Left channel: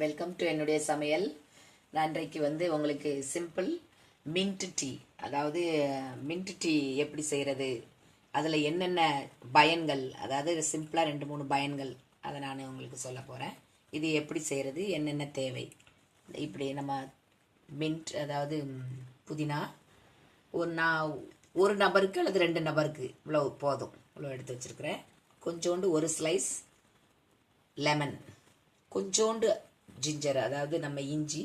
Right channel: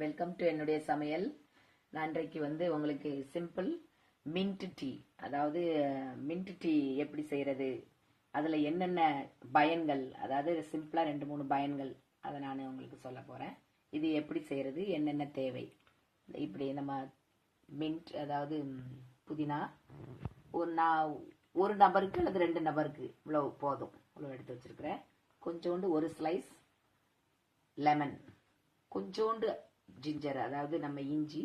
Welcome to என்னுடைய சமையல். நான் இன்றைக்கு வந்து உங்களுக்கு சிம்பிள் மின்ட் டீ அதாவது மின்ட் டீ எப்படி செய்கிறது அதில் என்னென்ன பயன்கள்? அதாவது சிம்பிளாக ரெண்டு மூணு பயன்கள். அதை நான் உங்களுக்கு சொல்ல போகிறேன் இது எப்படி செய்கிறது என்னென்ன தேவை? இப்படி நம்ம மின்ட் அதாவது புதினா. ஒரு நான் ஒரு நபருக்கு அல்லது ரெண்டு நபருக்கு இவ்வளோ போதும். இவ்வளோ எடுத்து வச்சுருக்கிறேன். கொஞ்சோண்டு ஒரு ஸ்லைஸ் லெமன் கொஞ்சோண்டு ஜிஞ்சர் அதாவது நம்ம இஞ்சி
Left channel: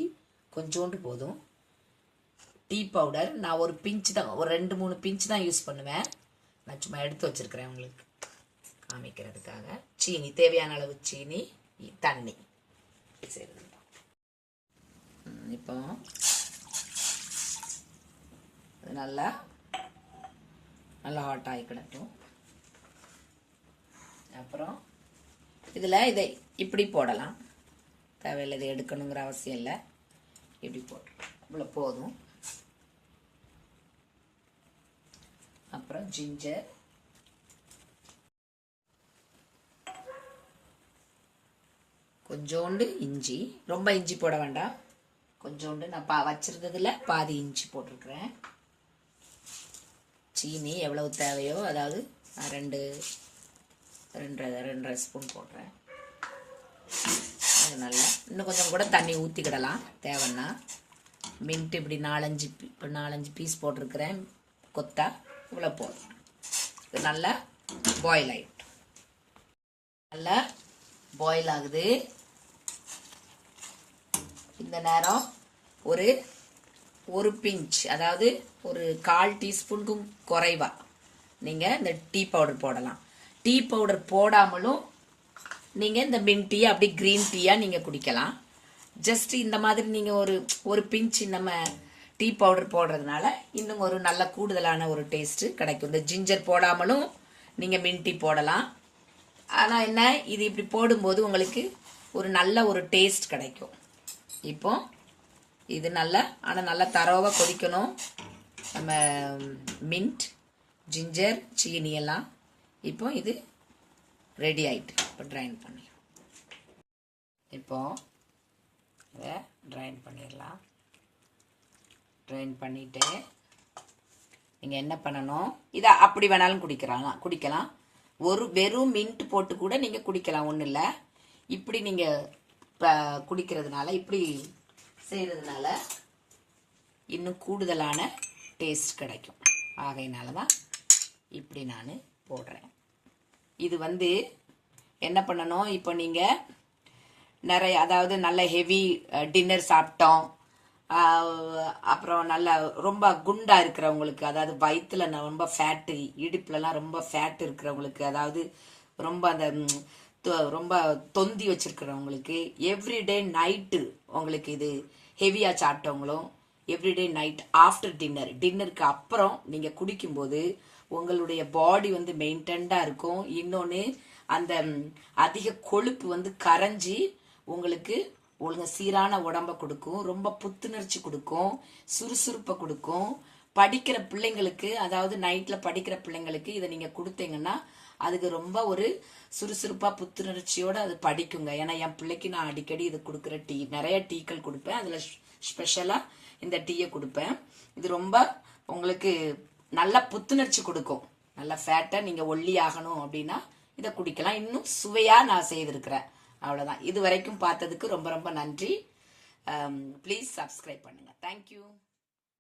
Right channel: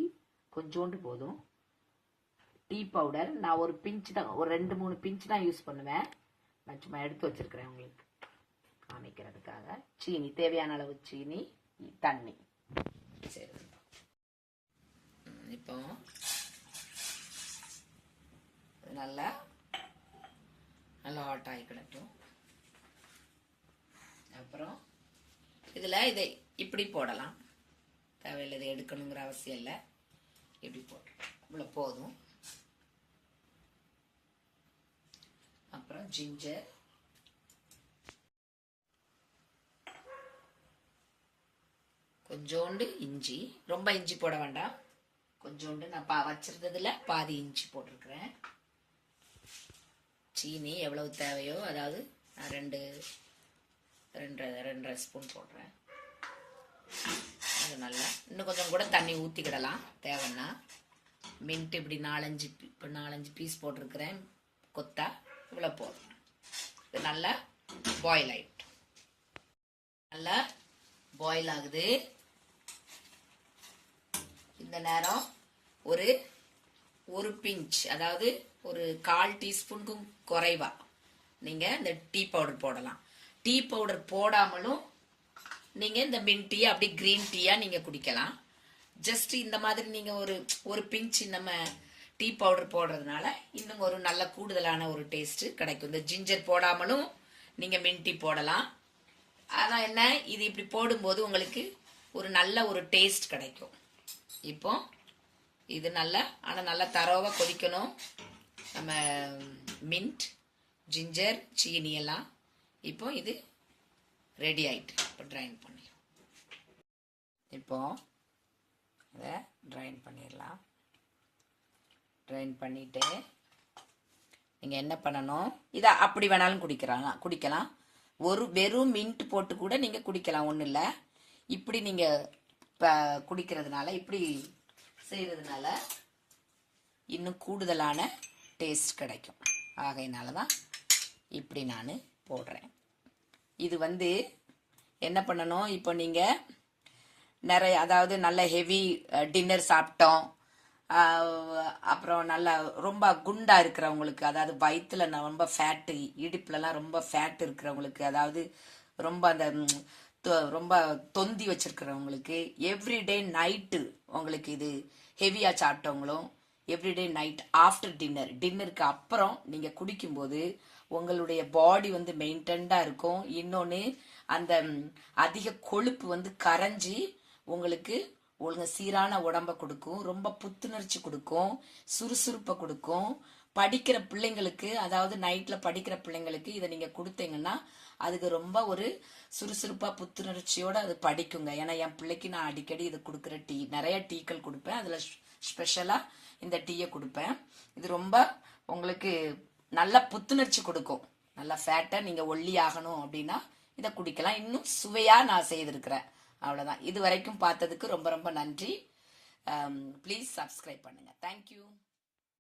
கொஞ்சோண்டு போதும். டீ பவுடர் நான் ஒரு பிஞ்ச் தான் ஒரு ரெண்டு மூணு பிஞ்ச் தான் யூஸ் பண்ணுவேன். நான் சும்மா எடுத்து வச்சிருக்கிறேன் உங்களுக்கு. காமிக்கிறதுக்காக. சீனி தேவையான அளவு சீனி தண்ணி. சரி. இப்போ நல்லா நல்லா ஹாட் ஆகி அப்புறம் இதில் இதை இப்படி போடலாம். தேவையில்லை இதை எடுக்கணுங்கிற அவசியம் இல்லை. இப்படி போட்டு. இவ்வளோ போதும். அப்புறம் ஜிஞ்சர் கொஞ்சோண்டு இஞ்சி. ரொம்ப இஞ்சி போட வேண்டாம். கொஞ்சோண்டு நான் பா வச்சிருந்ததுல பாதி இஞ்சி போட்டிருக்கிறேன். சீனி எவ்வளவு தேவையோ அதாவது நான் ரெண்டு ரெண்டு ரெண்டரை ஸ்பூன் போடுறேன். அது நல்லா இன்னும் கொஞ்சம் கூட தண்ணி ஊற்றிக்கிடலாம் தேவைன்னா. மின்ட்டு இப்படி நாலஞ்சு பீ- இப்போ நாலஞ்சு பீஸ் போட்டிருக்கிறேன். கொத்தா. இவ்வளோ போதும். இது நல்லா பாயில் ஆகிட்டு நல்லா பாயில் ஆகுது. இந்த நேரம் ஒரு ஒரு பிஞ்ச் அதாவது ஒரு கால் டீஸ்பூனுக்கும் குறைவா. நீங்கள் இந்த டீ பவுடர் போடலாம். டீ பவுடர் போடாமலும் நீங்கள் இந்த மின் டீ அப்படி கிரீன் டீயாக நீங்கள் குடிக்கலாம். ஜஸ்ட் இந்த மாதிரி நீங்கள் ஒரு ஒரு பிஞ்ச் நம்ம டீ பவுடர் போடுறதுனால இன்னும் ஒரு நல்ல கூடுதலான ஒரு டேஸ்ட்டு கிடைக்கும். இந்த ஜிஞ்சர் போடாமலும் நீங்கள் மின் டீ போடலாம். ஆனால் என்ன இது இப்படி போடும்போது உங்களுக்கு ஒரு நல்ல ஒரு டேஸ்ட் கிடைக்கும். இப்போ இது நல்லா ஆனால் நல்லா தரவாக கொதிக்கணும். நம்ம மின்ட் ஜிஞ்சர் சீனி எல்லாம். இப்போ இது ரெடி ஆயிட்டு. இப்போ ட்ரைன் பண்ணிடுவோம் இப்போது இதை ட்ரைன் பண்ணிடலாம் ட்ரைன் பண்ணிவிட்டு நீங்கள் என்ன பண்ணணும்? இதை அப்படி வேணாலும் குடிக்கிறாங்க குடிக்கலாம். ஒரு வெறும் மின்ட் போட்டு கூட நீங்கள் குடிக்கலாம் ஒன்றும் இல்லை. இப்படி நீங்கள் குடிக்கிறதுனால இப்படி செய்கிறதுனால இன்னும் கூடுதலான டேஸ்ட் கிடைக்கும். ஆகையினால தான் இப்படி நான் போடுறேன். இது வந்து என்ன பண்ணணும்? இப்போ நீங்கள் நிறைய அதாவது நல்ல ஹெவி டின்னர் சாப்பிட்டோம். அப்புறம் நல்லா ரொம்ப குண்டா இருக்கிறவங்களுக்கு அதாவது வயிற்றுல ரொம்ப ஃபேட்டு இடுப்புலலாம் ரொம்ப ஃபேட் இருக்கிறவங்களுக்கு அதாவது ரொம்ப அந்த தொ- ரொம்ப தொந்தி வச்சிருக்கிறவங்களுக்கு எவ்ரிடே நைட்டு உங்களுக்கு இது ஹெவியாக சாப்பிட்டவங்களும் எவ்ரிடே நைட் ஆஃப்டர் டின்னர் டின்னருக்கு அப்புறம் நீங்கள் குடிக்கும்போது உங்களுடைய பாடி வந்து மெயின்டெண்டாக இருக்கும். இன்னொன்று அந்த அதிக கொழுப்பு வந்து கரைஞ்சி உங்களுக்கு ஒழுங்க சீரான உடம்ப கொடுக்கும். ரொம்ப புத்துணர்ச்சி கொடுக்கும். சுறுசுறுப்பை கொடுக்கும். படிக்கிற பிள்ளைங்களுக்கு அதாவது நைட்ல படிக்கிற பிள்ளைங்களுக்கு இதை நீங்க கொடுத்தீங்கன்னா அதுக்கு ரொம்ப ஒரு சுறுசுறுப்பா புத்துணர்ச்சியோட அது படிக்குங்க. ஏன்னா என் பிள்ளைக்கு நான் அடிக்கடி இது கொடுக்குற டீ நிறைய டீக்கள் கொடுப்பேன். அதுல ஸ்பெஷலா இந்த டீயை கொடுப்பேன். இது ரொம்ப உங்களுக்கு நல்ல புத்துணர்ச்சி கொடுக்கும். நல்ல ஃபேட்டை நீங்க ஒல்லி ஆகணும் அப்படின்னா இதை குடிக்கலாம். இன்னும் சுவையா நான் செய்திருக்கிறேன். அவ்வளவுதான். இது வரைக்கும் பார்த்ததுக்கு ரொம்ப ரொம்ப நன்றி. ப்ளீஸ் சப்ஸ்கிரைப் பண்ணுங்க. தேங்க்யூ